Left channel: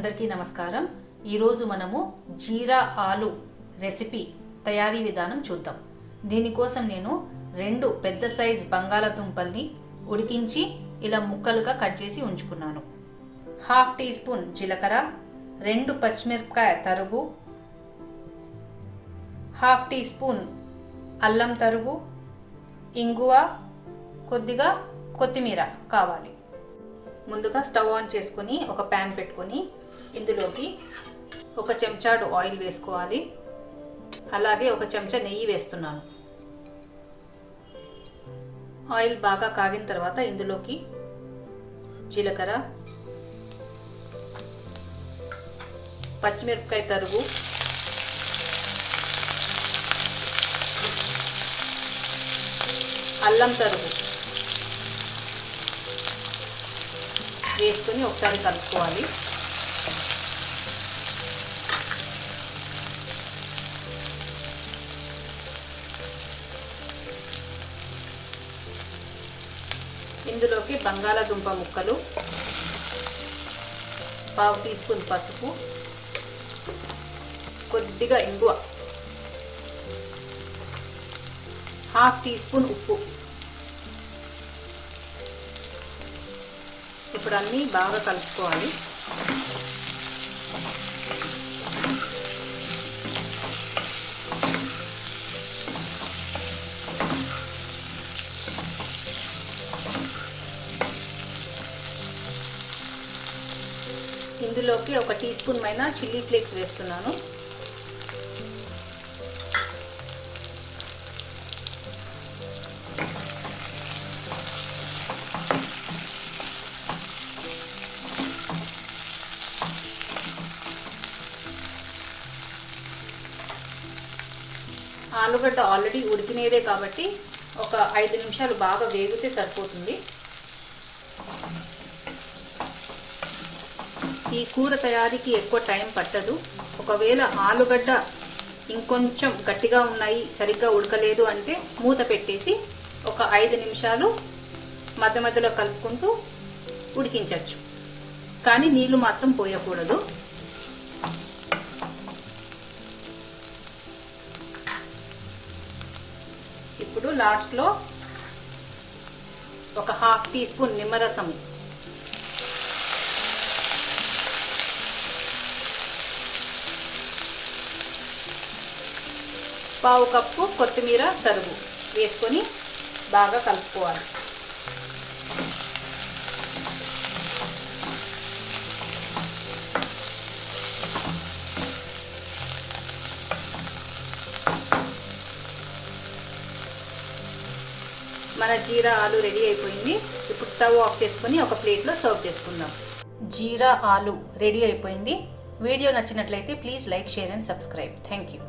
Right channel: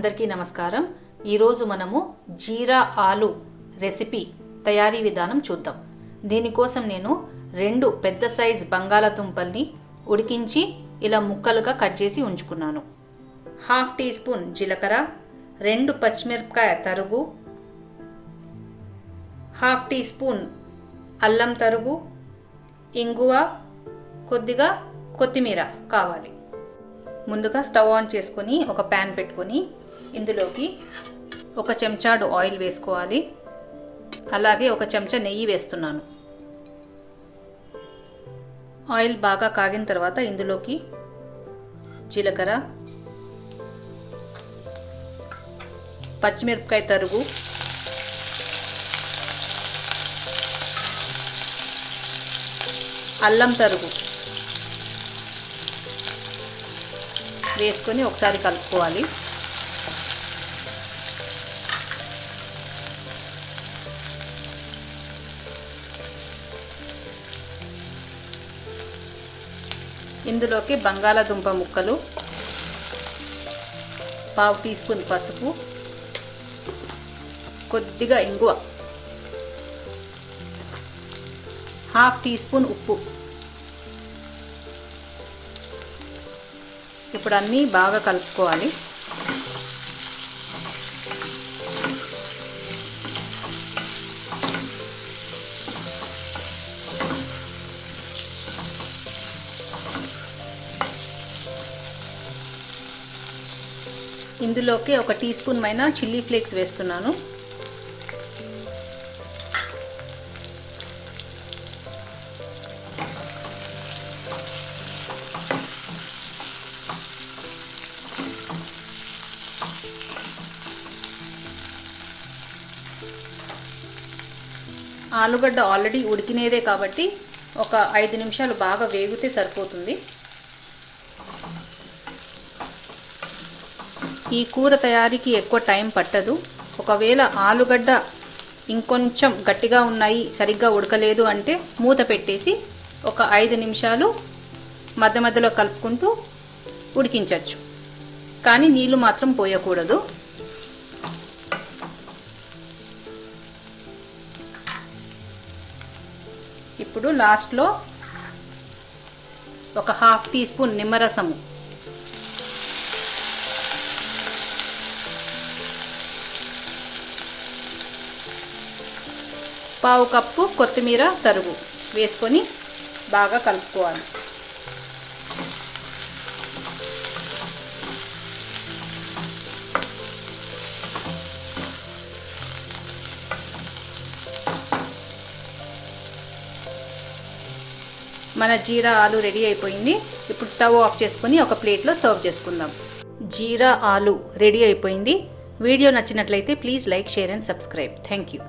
అందరికీ నమస్కారం। ఈరోజు మనము జీరా ఆలు రెసిపీ తయారీ విధానం చూద్దాం। దీనికోసం నేను 2 పెద్ద సైజ్ బంగాళాదుంపల్ని ఉడికించి ఇలా ముక్కలుగా కట్ చేసి ఉంచుకున్నాను। 1/2 టీ స్పూన్ జీలకర్ర, 2 పచ్చిమిరపకాయ తరుగు, 1/2 టీ స్పూన్ అల్లం తరుగు, ఇంగువ, కొద్దిగా కొత్తిమీర కావాలి। ముందుగా స్టవ్ ఆన్ చేసుకొని ఒక ప్యాన్ పెట్టుకొని ఇందులోకి 1 చెంచాడు ఆయిల్ వేసుకోవాలి। అలాగే 1 చెంచా నెయ్యి వేస్తున్నాను। ఆయిల్ బాగా కాగిన తర్వాత ఇందులోకి జీలకర్ర, పచ్చిమిరపకాయ తరుగు, అల్లం తరుగు వేసుకొని ఒకసారి కలుపుకోవాలి। ఇందులోకి బంగాళాదుంప ముక్కలు, 1/2 టీ స్పూన్ పసుపు, కొద్దిగా ఇంగువ, 1/2 టీ స్పూన్ ఉప్పు। ఇప్పుడు అన్నీ బాగా కలుపుకోవాలి। ఇందులోకి 1 టీ స్పూన్ మైన చిల్లీ ఫ్లేక్స్ వేస్తున్నాను। ఆలుగడ్డ ఆల్రెడీ ఉడికినేదే కాబట్టి ఒక 5 నిమిషాలు బాగా వేగితే సరిపోతుంది। ఈ కూర తయారీకి ఎక్కువ టైం పట్టదు। ఒకవేళ ఆలుగడ్డ ఇంకొంచెం గట్టిగా ఉన్నాయి, సరిగ్గా ఉడకలేదు అంటే మూత పెట్టేసి ఒక 5 నిమిషాలు మధ్య మధ్యలో కలుపుకుంటూ ఉడికించవచ్చు, కానీ నీళ్లు మాత్రం పోయకూడదు। ఇప్పుడు లాస్ట్లో ఒక 1/2 టీ స్పూన్ నిమ్మరసము, పావు కప్పు కొత్తిమీర తరుగు వేసుకొని బాగా కలుపుకోవాలి। మన జీరా ఆలు రెడీ అయిపోయింది। ఇప్పుడు స్టవ్ ఆఫ్ చేసుకొని ఒక ప్లేట్లో సర్వ్ చేసుకుందాం। జీరా ఆలు రెడీ అయిపోయింది। వీడియో నచ్చినట్లయితే please like, share and subscribe. Thank you.